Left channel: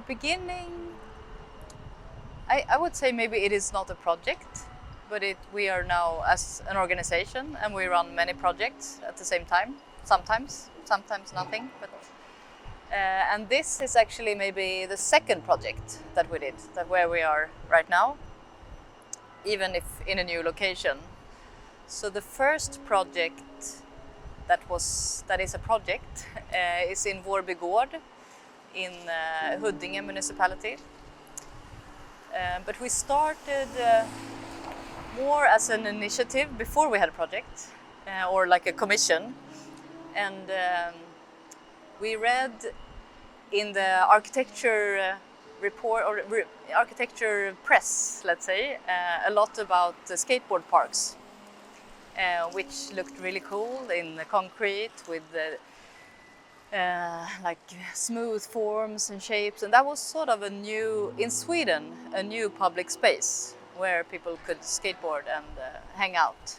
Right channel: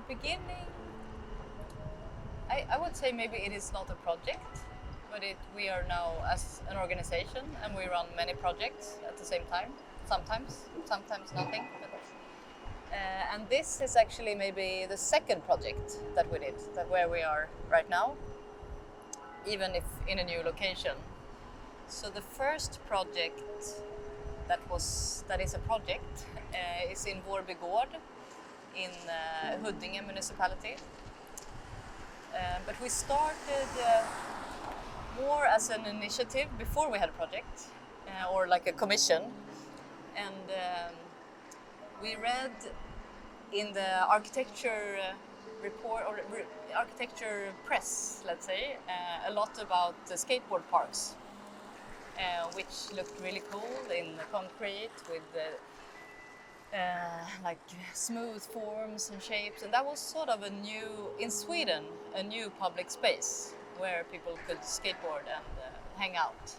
the beginning, I would say maybe it is not a project, but we are now as an organization and we run many projects at the same time. Sometimes nothing. But and this is actually maybe the second project that we did, that where we are right now, even if in a new location. So the first project that is a project is in Vårby Gård in Huddinge municipality. But we started more as an initiative before we had a project or like a commission. And we read in the architecture report or architecture press, let's say, a lot about the skateboard parks, which looked really cool in the concrete with like smooth forms and shapes, and that was sort of in Sweden, a new public space where people could skateboard and hang out.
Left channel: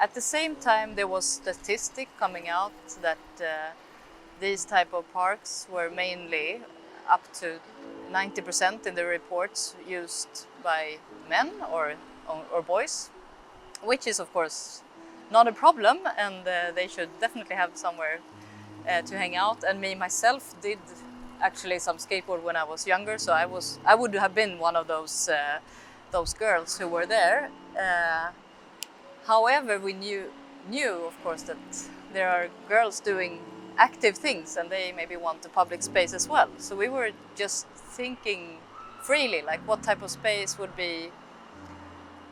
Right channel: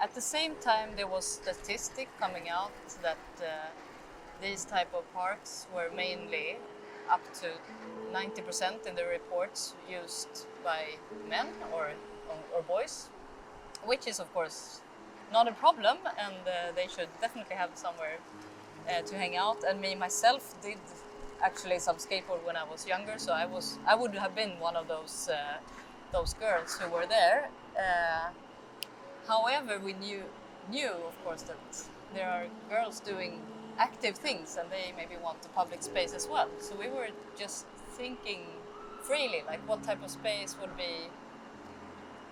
At the same time, there was statistic coming out that these type of parks were mainly up to 90% in the reports used by men or boys, which is of course not a problem, and they should definitely have somewhere to hang out. And me myself did actually some skateboard when I was younger, so I would have been one of those girls who were there. However, we knew of course that there are girls doing active things and they maybe want a public space as well. So we were just thinking freely, like what type of space would be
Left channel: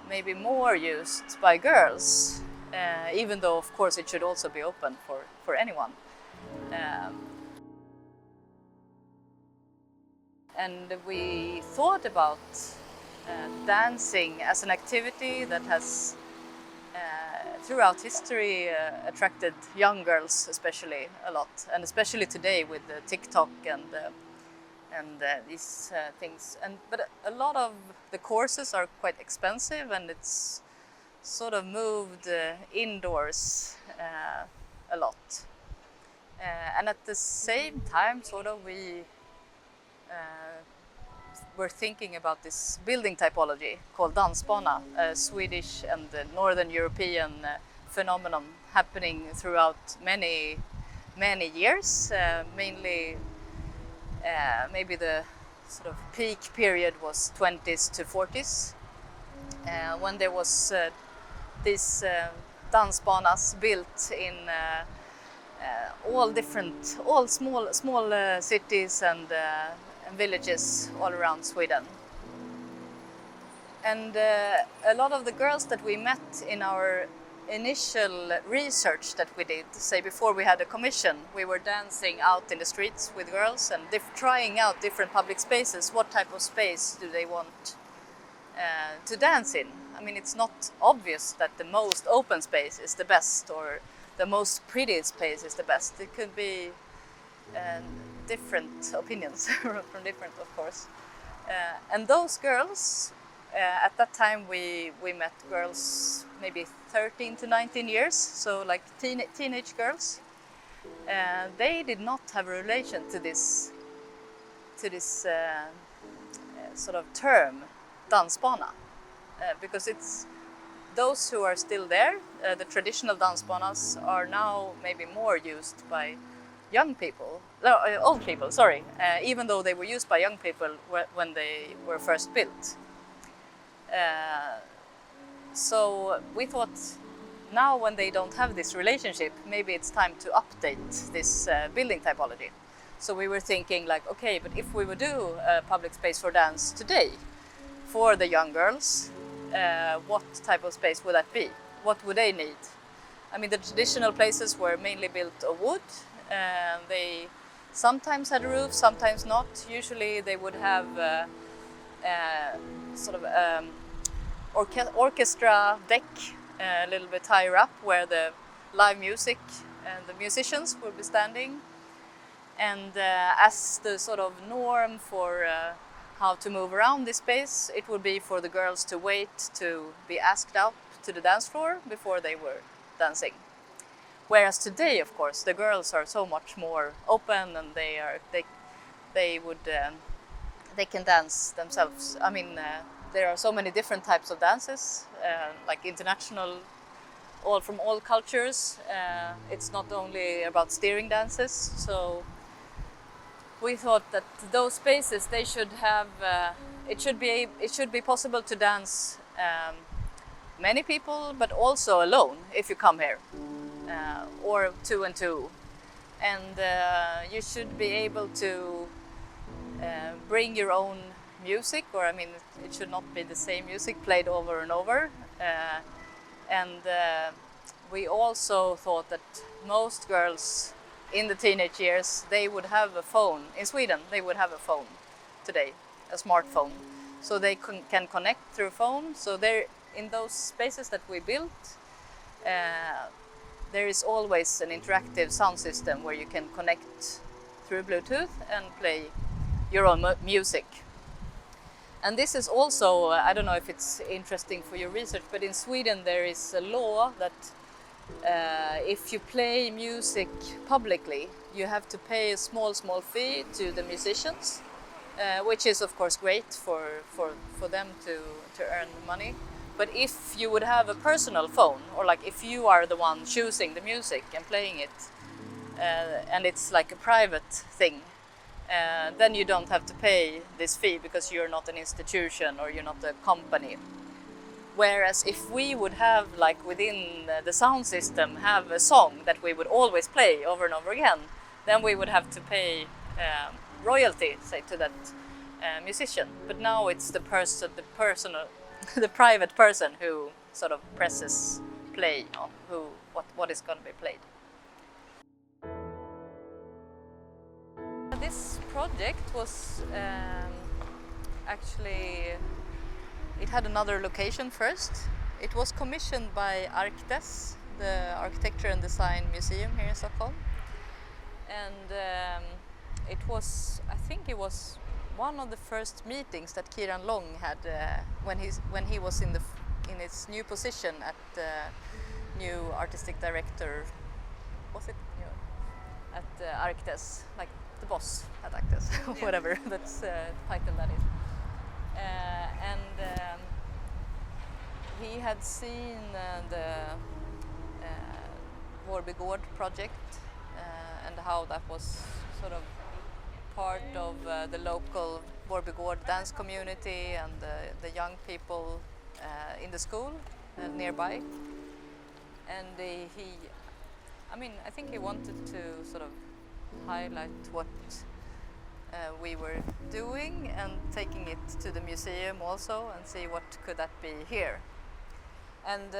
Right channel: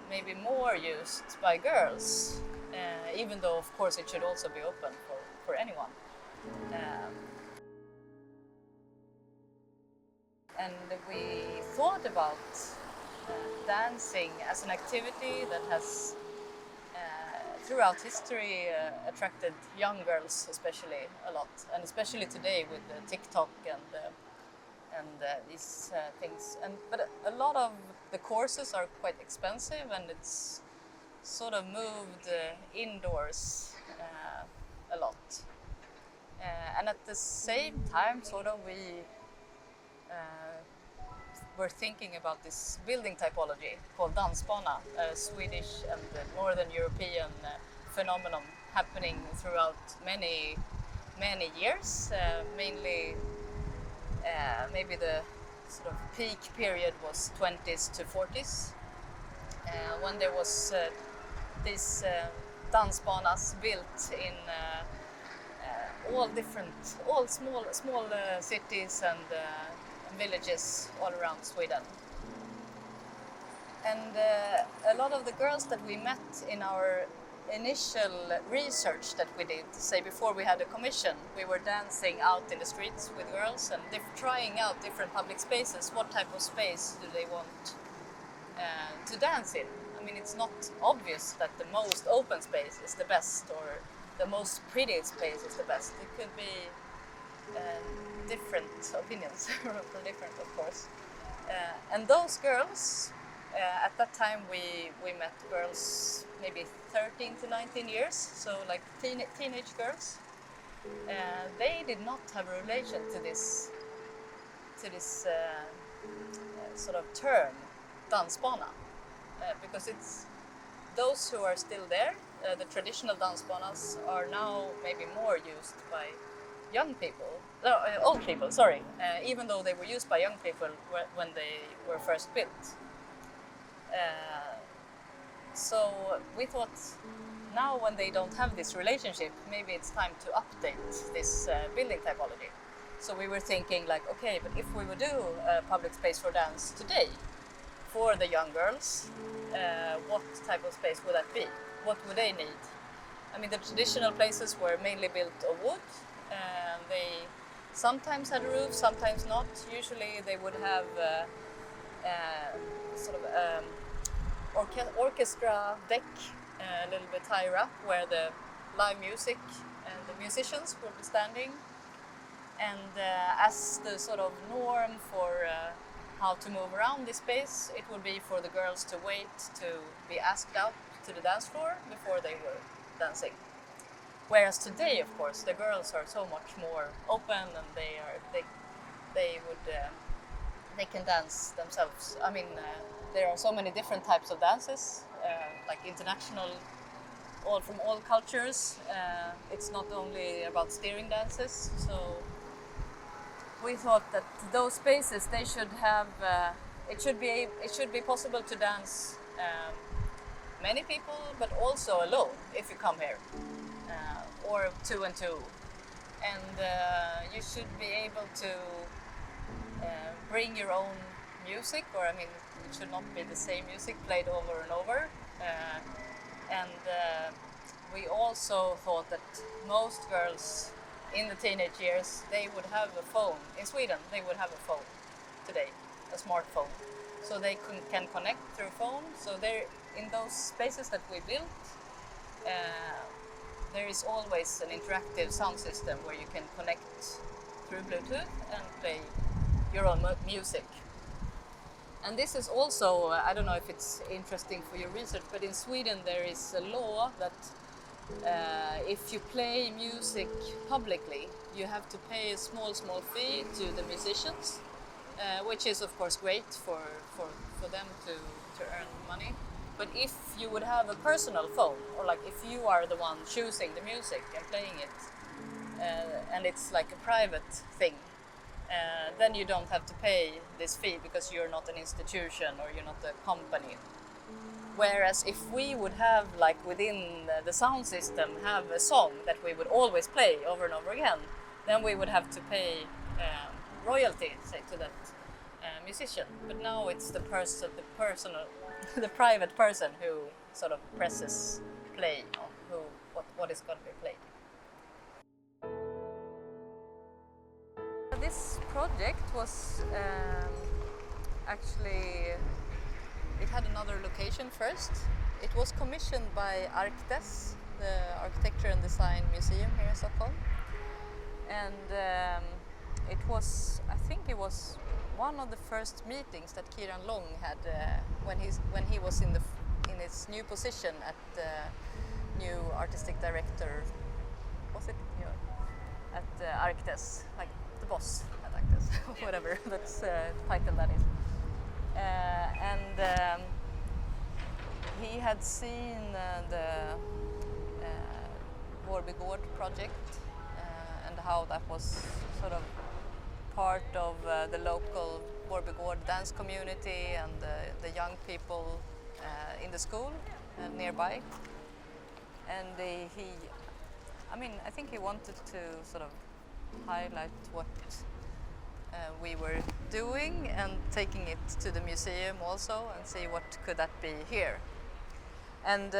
maybe more used by girls, even though of course it should also be open for anyone. And we thought about dancing as an activity that has throughout history attracted young girls especially a lot, and especially today with the TikTok and these things. But a lot of the courses are quite expensive, and it's sort of moved indoors a lot. And at the same time, sort of we were thinking about this building typology called Dansbana, a Swedish and Northern European phenomenon happening throughout many years, mainly maybe the sort of peak period was 20s to 40s, when there was these dansbanas built in all small cities and villages all around Sweden. And a lot of the girls that we met in our initial research that we did, say before we had a commission, we were dancing out in the streets with girls and trying out different public spaces. What type of space do they want to dance in? I mean, it's not obvious that the most open space is the best or the most pretty space is the best. It could be different opinions from different, of course. And those girls, at that time we met girls maybe 13 to 19 years, so like teenage girls. They did not have a relation to this sort of term, dansbana, because it's those who are still there. The traditional dansbanas are now maybe more used by young people, old people, sorry, even though they were used by young people when they were first built. So we thought now when they don't have this relationship, maybe it's time to update this building typology. So we were thinking like, okay, but if we would do a public space for dance today for the young girls, what type of space would that be? What would they need? I mean, the traditional places were mainly built of wood. They sometimes had a roof, sometimes not. Usually they would have sort of orchestra deck a little bit higher up where the live music and the musicians would be standing. And as the sort of norm for how to move around this space, it would be for the girls to wait to be asked out to the dance floor before they were dancing. Whereas today, of course, the girls are so much more open and they they can dance themselves. I mean, there are so many different types of dances, like international, all from all cultures. It's not only about steering dances. So we thought that those spaces, they should have. It should be possible to dance many people, but also alone if you come here, or two and two, and you should be able to bring your own music, or I mean, it should not be the same music played over and over. And we also thought that most girls in the teenage years, they would have a phone. In Sweden, they would have a phone today, a smartphone. So they can connect through phone. So there, in those spaces that we built, there is always an interactive sound system where you can connect through Bluetooth and play your own music. And this is also, I don't know if it's interesting for your research, but in Sweden there is a law that if you play music publicly, you have to pay a small fee to the musicians, which is of course great for them to earn money. But if you would have a personal phone, or like if you are the one choosing the music and playing it, and it's like a private thing, then you don't have to pay this fee because you're not an institution or you're not a company. Whereas if we would have, like within the sound system, have a song that we would always play over and over again, then we would have to pay royalty, say, to that musician. But now it's the personal, the private person who sort of presses play on what is going to be played. This project was actually, it had another location first. It was commissioned by Archtes, the Architecture and Design Museum here in Stockholm. And it was, I think it was one of the first meetings that Kiran Long had when he was in his new position at new artistic director. Was it at Archtes, like the boss at Archtes, whatever that's title that is. And he had seen the Vårby Gård project and how that was sort of part of the local Vårby Gård dance community and the young people in the school nearby. And I think he wanted to sort of highlight what we were doing and taking it to the museum also and see what could that be here. And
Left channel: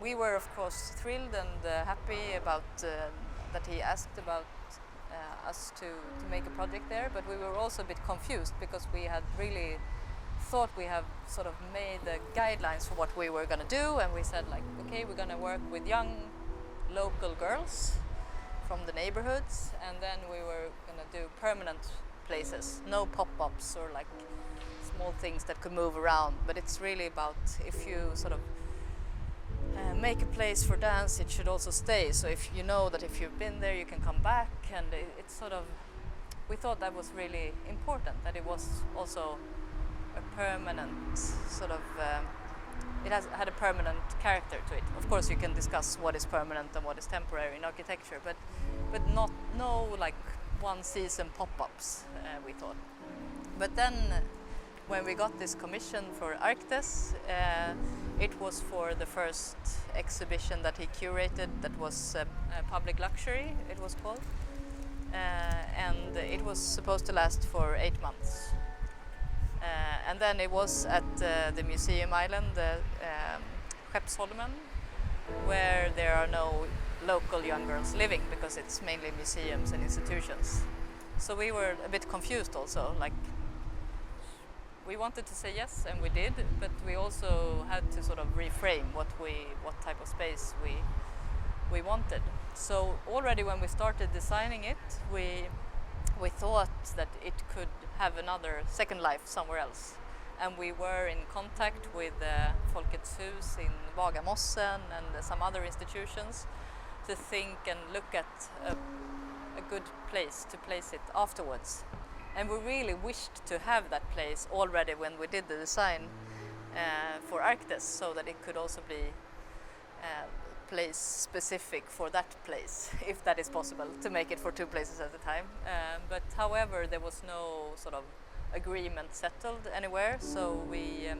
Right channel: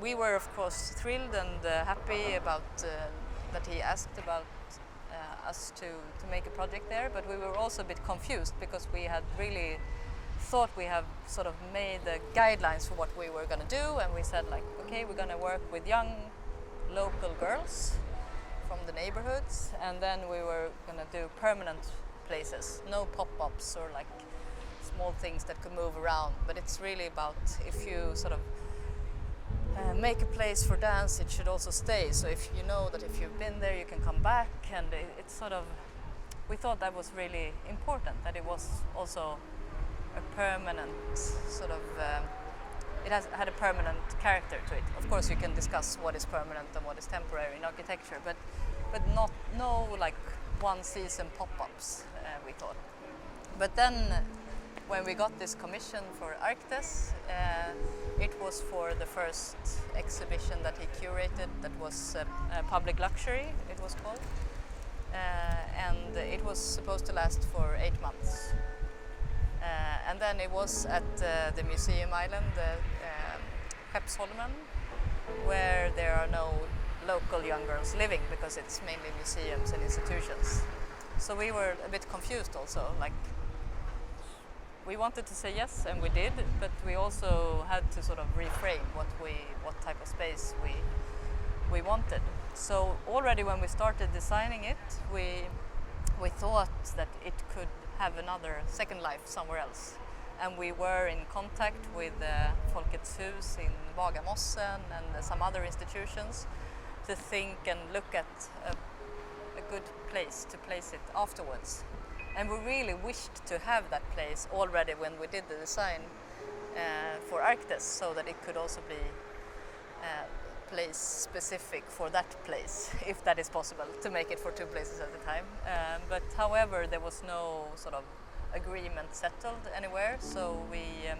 we were of course thrilled and happy about that he asked about us to make a project there, but we were also a bit confused because we had really thought we have sort of made the guidelines for what we were going to do, and we said like, okay, we're going to work with young local girls from the neighborhoods, and then we were going to do permanent places, no pop-ups or like small things that could move around, but it's really about if you sort of make a place for dance, it should also stay. So if you know that if you've been there, you can come back, and it's sort of, we thought that was really important, that it was also a permanent sort of, it had a permanent character to it. Of course, you can discuss what is permanent and what is temporary in architecture, but no like one season pop-ups, we thought. But then when we got this commission for Archtes, it was for the first exhibition that he curated that was Public Luxury, it was called. And it was supposed to last for 8 months. And then it was at the museum island, Skeppsholmen, where there are no local young girls living because it's mainly museums and institutions. So we were a bit confused also, like we wanted to say yes, and we did, but we also had to sort of reframe what type of space we wanted. So already when we started designing it, we thought that it could have another second life somewhere else. And we were in contact with Folkets Hus in Bagarmossen and some other institutions to think and look at a good place to place it afterwards. And we really wished to have that place already when we did the design for Arctis, so that it could also be place specific for that place, if that is possible, to make it for two places at a time. But however, there was no sort of agreement settled anywhere, so we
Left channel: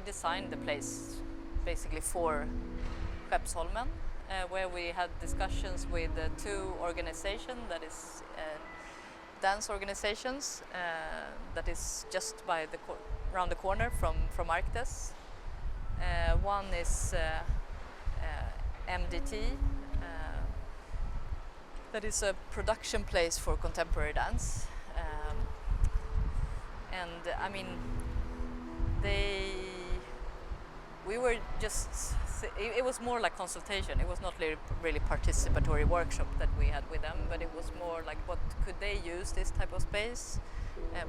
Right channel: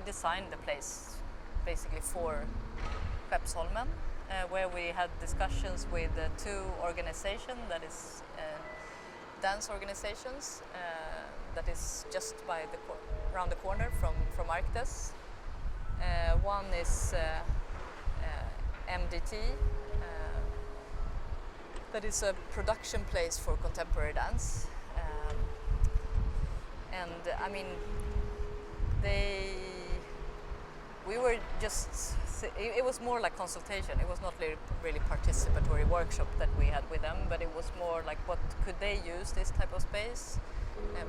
designed the place basically for Hiroba, where we had discussions with two organizations, that is dance organizations, that is just by around the corner from Arctis. One is MDT, that is a production place for contemporary dance. And I mean, we were just, it was more like consultation. It was not really participatory workshop that we had with them, but it was more like, what could they use this type of space?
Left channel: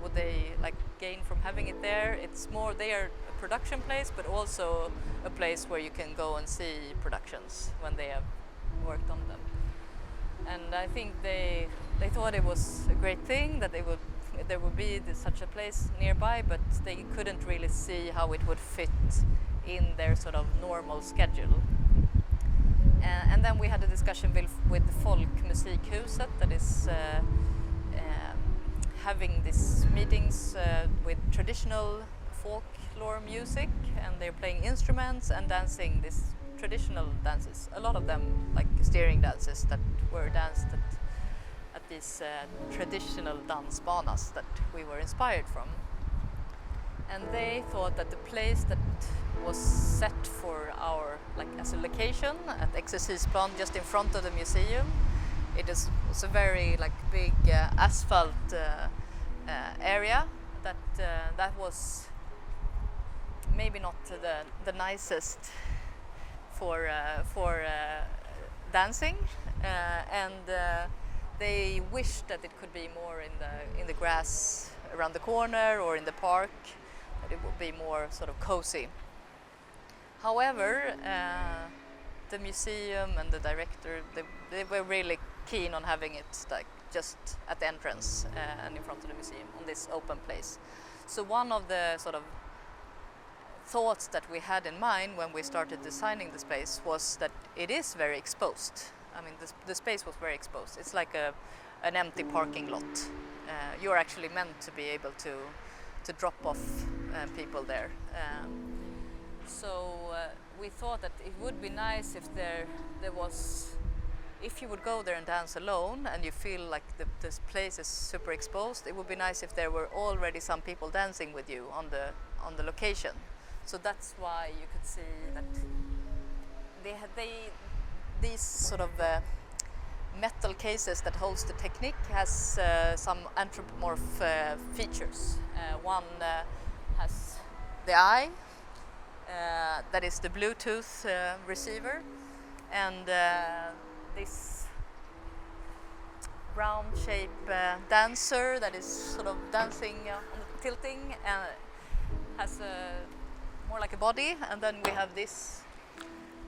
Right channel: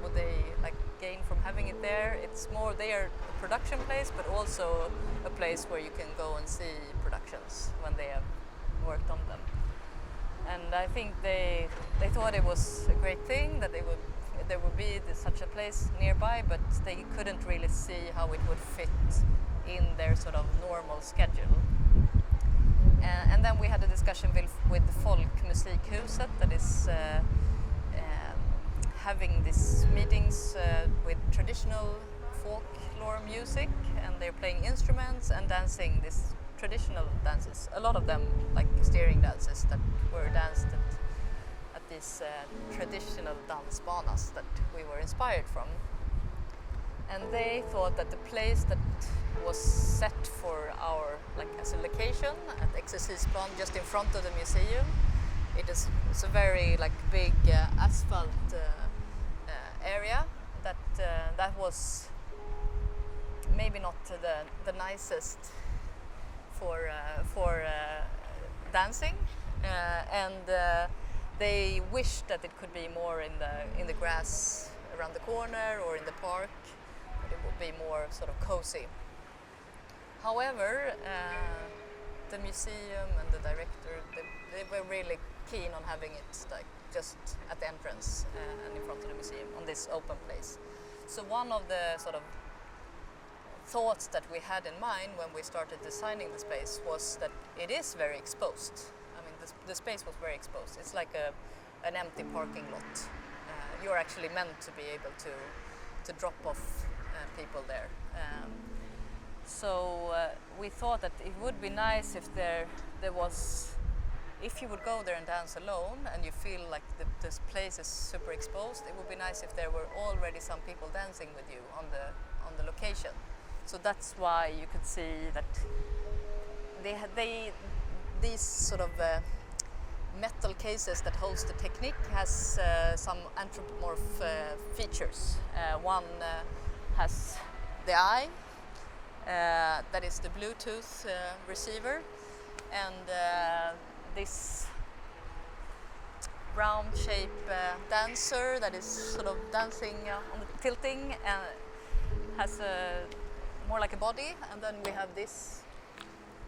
Would they like gain from having it there? It's more, they are a production place, but also a place where you can go and see productions when they have worked on them. And I think they thought it was a great thing that there would be such a place nearby, but they couldn't really see how it would fit in their sort of normal schedule. And then we had a discussion with the Folk Musikhuset, that is having these meetings with traditional folklore music, and they're playing instruments and dancing these traditional dances. A lot of them like steering dances that were danced at these traditional Dansbanas that we were inspired from. And they thought that the place that was set for our, like as a location at Exercisplan, just in front of the museum, it's a very like big asphalt area that was maybe not the nicest for dancing, and they wished that it could be more in the grass around the corner or in the park, that it would be more sort of cozy. However, the museum and the director, they were really keen on having it like just at the entrance and in front of the museum on this open place. So one of the sort of thoughts that we had in mind when we started designing the space was that it is very exposed. I mean, the space was very exposed. It's like an empty parking lot. You're actually meant to be able to drop off people there. So we thought that it would be nice if there was, if you would go there and dance alone and you feel like this place is super exposed, it would be nice if there were already some people dancing with you on the location. So that's why you could see that these sort of metal cases that holds the technique has some anthropomorph features. One has the eye, that is the Bluetooth receiver, and this round shape dancer that is sort of dancing on the tilting has more like a body, and then we have this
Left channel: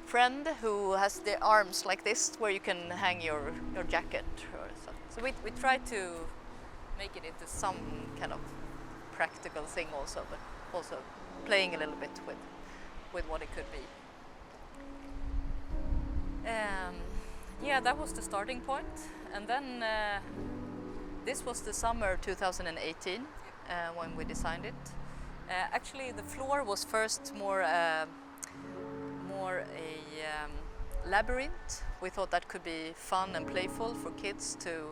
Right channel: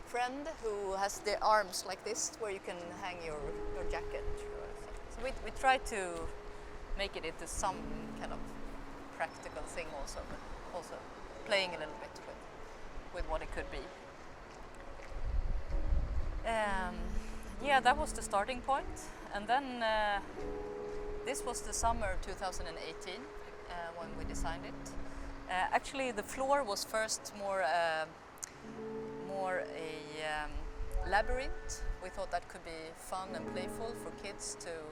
friend who has the arms like this, where you can hang your jacket. So we try to make it into some kind of practical thing also, but also playing a little bit with what it could be. Yeah, that was the starting point. And then this was the summer 2018 when we designed it. Actually, the floor was first more a labyrinth. We thought that could be fun and playful for kids to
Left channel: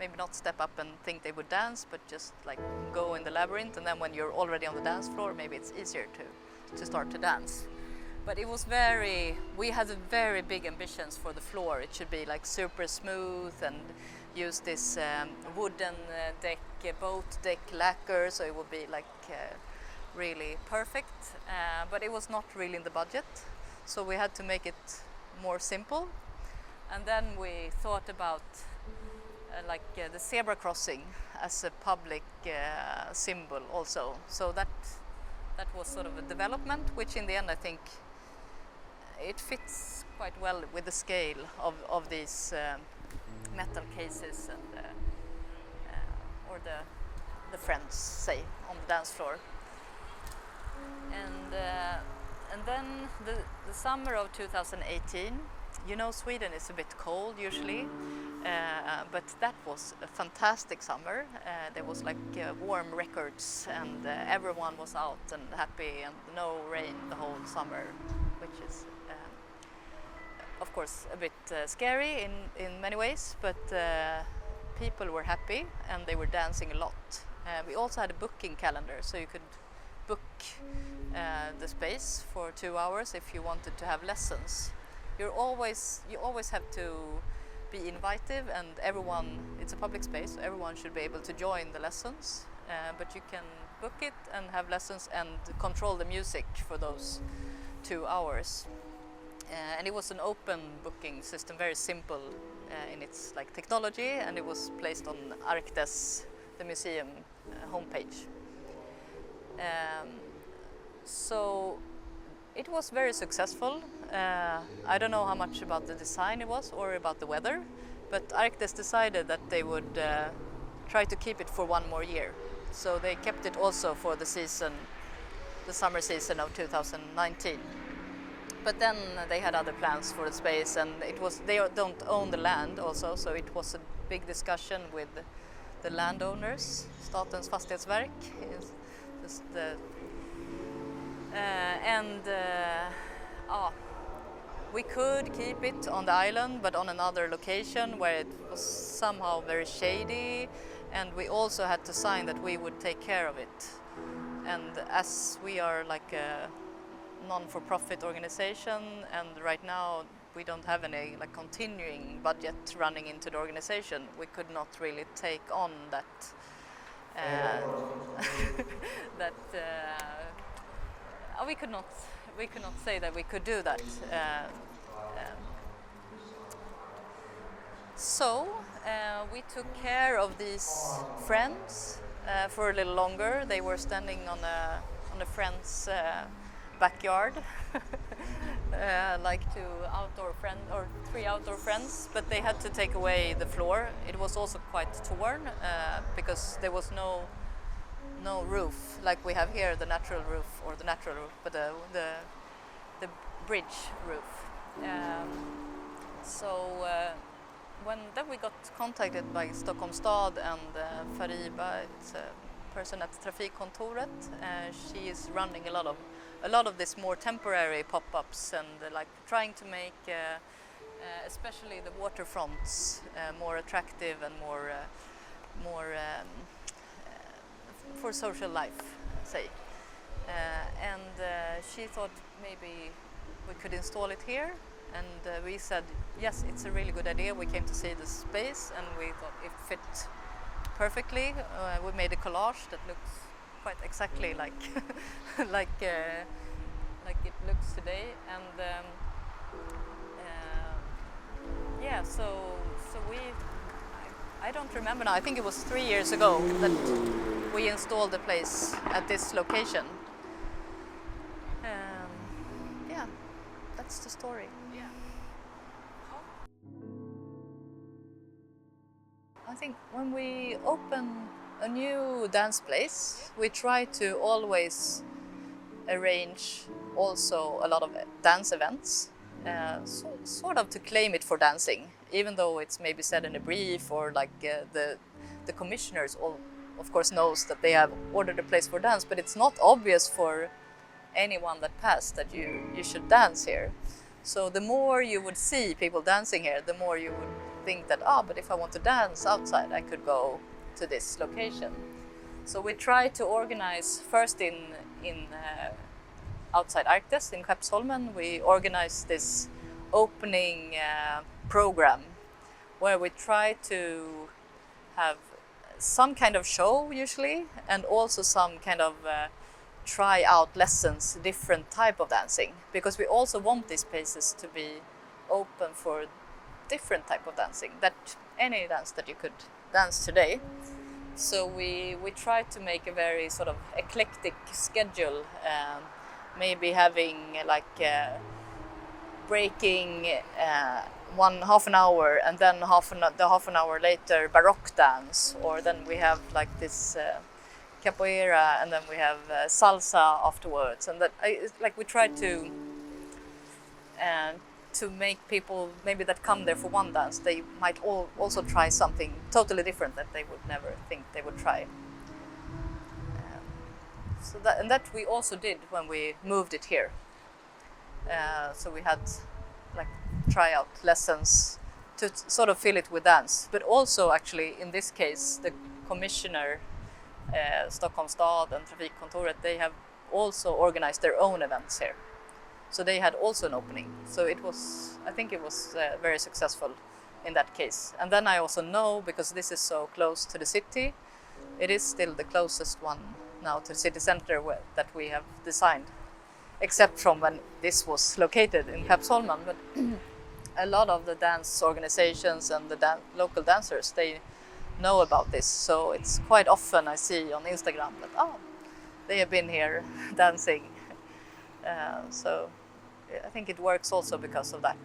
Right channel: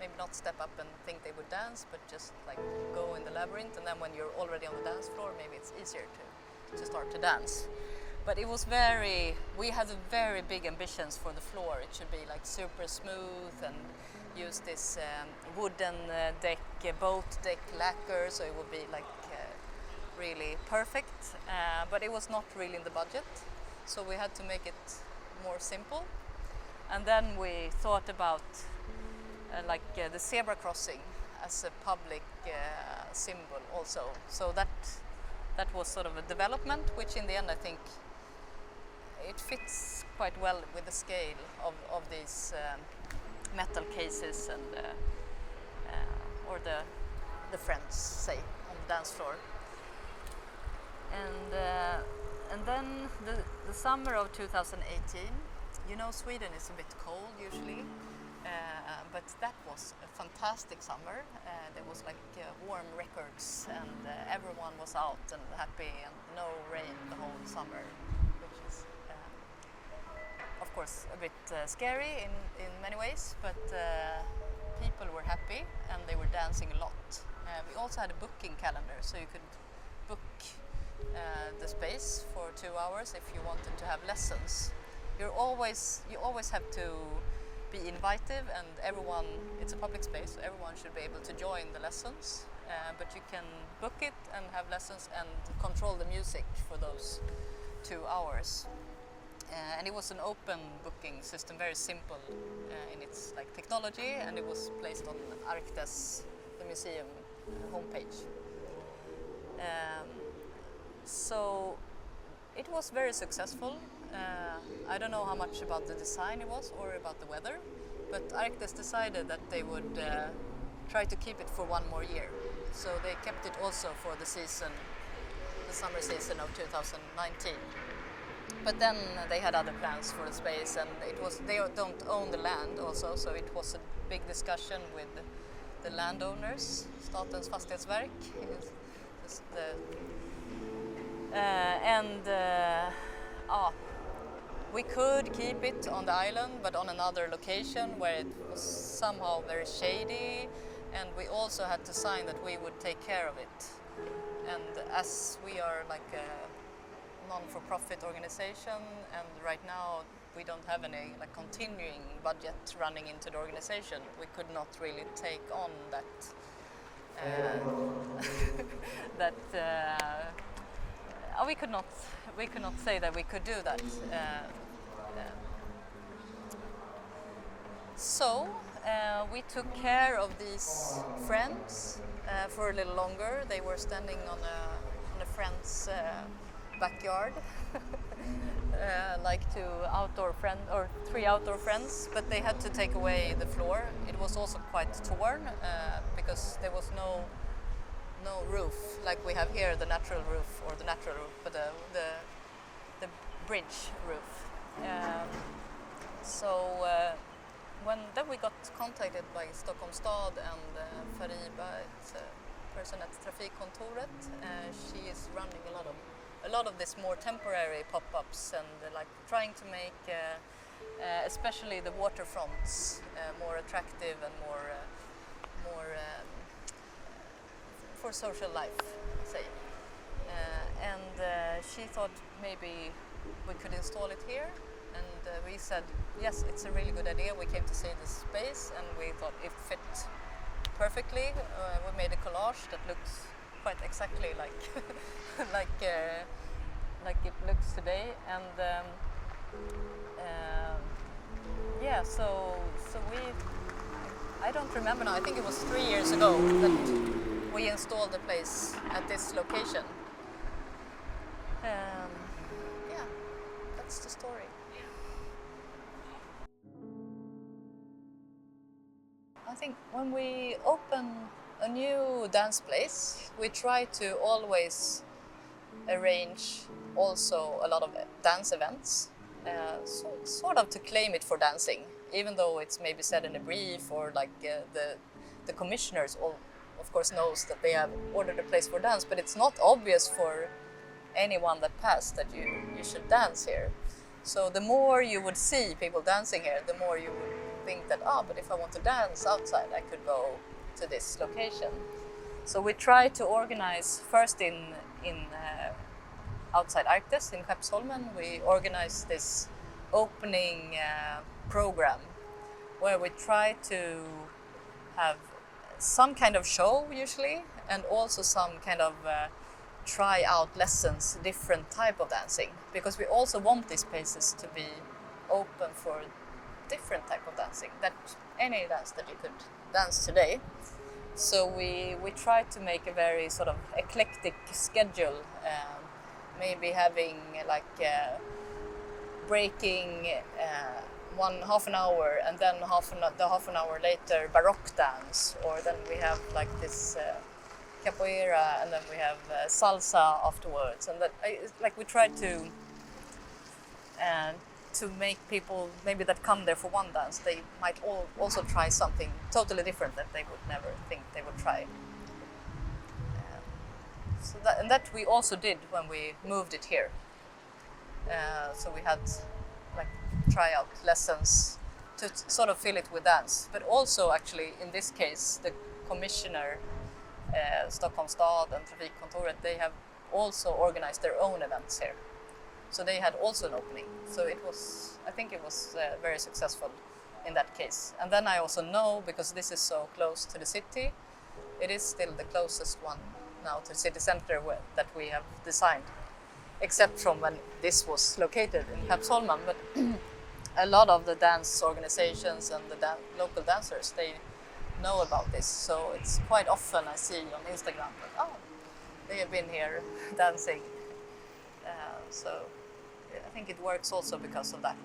maybe not step up and think they would dance, but just like go in the labyrinth, and then when you're already on the dance floor, maybe it's easier to start to dance. But it was we had very big ambitions for the floor. It should be like super smooth and use this wooden deck, boat deck lacquer, so it would be like really perfect. But it was not really in the budget, so we had to make it more simple. And then we thought about the zebra crossing as a public symbol also. So that was sort of a development, which in the end I think it fits quite well with the scale of these metal cases and or the friends, say, on the dance floor. And then the summer of 2018, you know, Sweden is a bit cold usually, but that was a fantastic summer. There was like warm records, and everyone was out and happy, and no rain the whole summer, which is of course a bit scary in many ways, but people were happy and they were dancing a lot. We also had a booking calendar, so you could book the space for 2 hours if you wanted to have lessons. You always have to be invited, and everyone, it's a public space, so everyone should be able to join the lessons, but you can book it and have lessons and control the music for those 2 hours. And it was an open booking system, very simple in its like technology, and it was placed on Arktes, the museum homepage. So it was very successful. I don't know how much about the design it was or about the weather, but Arktes decided that they would try to keep it for 1 more year. So they kept it also for the season, the summer season of 2019. But then they had other plans for the space, and they don't own the land also, so it was a big discussion with the landowners, Statens Fastighetsverk, we could keep it on the island, but on another location where it was somehow very shady, and we also had to sign that we would take care of it. And as we are like a non-for-profit organization, and right now we don't have any like continuing budget running into the organization, we could not really take on that we could not say that we could do that. So we took care of these friends for a little longer. They were standing on a friend's backyard, like 3 outdoor friends, but they had to take away the floor. It was also quite torn because there was no roof like we have here, the natural roof, but the bridge roof. Then we got contacted by Stockholm stad and Hiroba, it's a person at Trafikkontoret. She is running a lot of this more temporary pop-ups and like trying to make especially the waterfronts more attractive and more for social life, say. She thought maybe we could install it here, and we said yes, it's a really good idea. We came to see the space and we thought it fit perfectly. We made a collage that looks quite exactly like like it looks today, and I don't remember now. I think it was 3 years ago that we installed the place at this location. That's the story. I think when we open a new dance place, we try to always arrange also a lot of dance events, sort of to claim it for dancing, even though it's maybe said in a brief, or like the commissioners all, of course, knows that they have ordered a place for dance, but it's not obvious for anyone that passed that you should dance here. So the more you would see people dancing here, the more you would think that, but if I want to dance outside, I could go to this location. So we try to organize first in outside Arktes in Michaëlsson. We organize this opening program where we try to have some kind of show usually, and also some kind of try out lessons, different type of dancing, because we also want these spaces to be open for different type of dancing, that any dance that you could dance today. So we try to make a very sort of eclectic schedule, maybe having like breaking one half an hour, and then half an hour later Baroque dance, or then we have like this capoeira, and then we have salsa afterwards, and that it's like we try to make people maybe that come there for one dance, they might also try something totally different that they would never think they would try. So that we also did when we moved it here. So we had like tryout lessons to sort of fill it with dance, but also actually in this case the commissioner, Stockholm Stad and Trafikkontoret, they have also organized their own events here. So they had also an opening. So I think it was very successful in that case. And then I also know, because this is so close to the city, it is still the closest one now to the city center that we have designed, except from when this was located in Michaëlsson. But a lot of the dance organizations and the local dancers, they know about this. So it's quite often I see on Instagram that, they have been here dancing. So I think it works also because of that.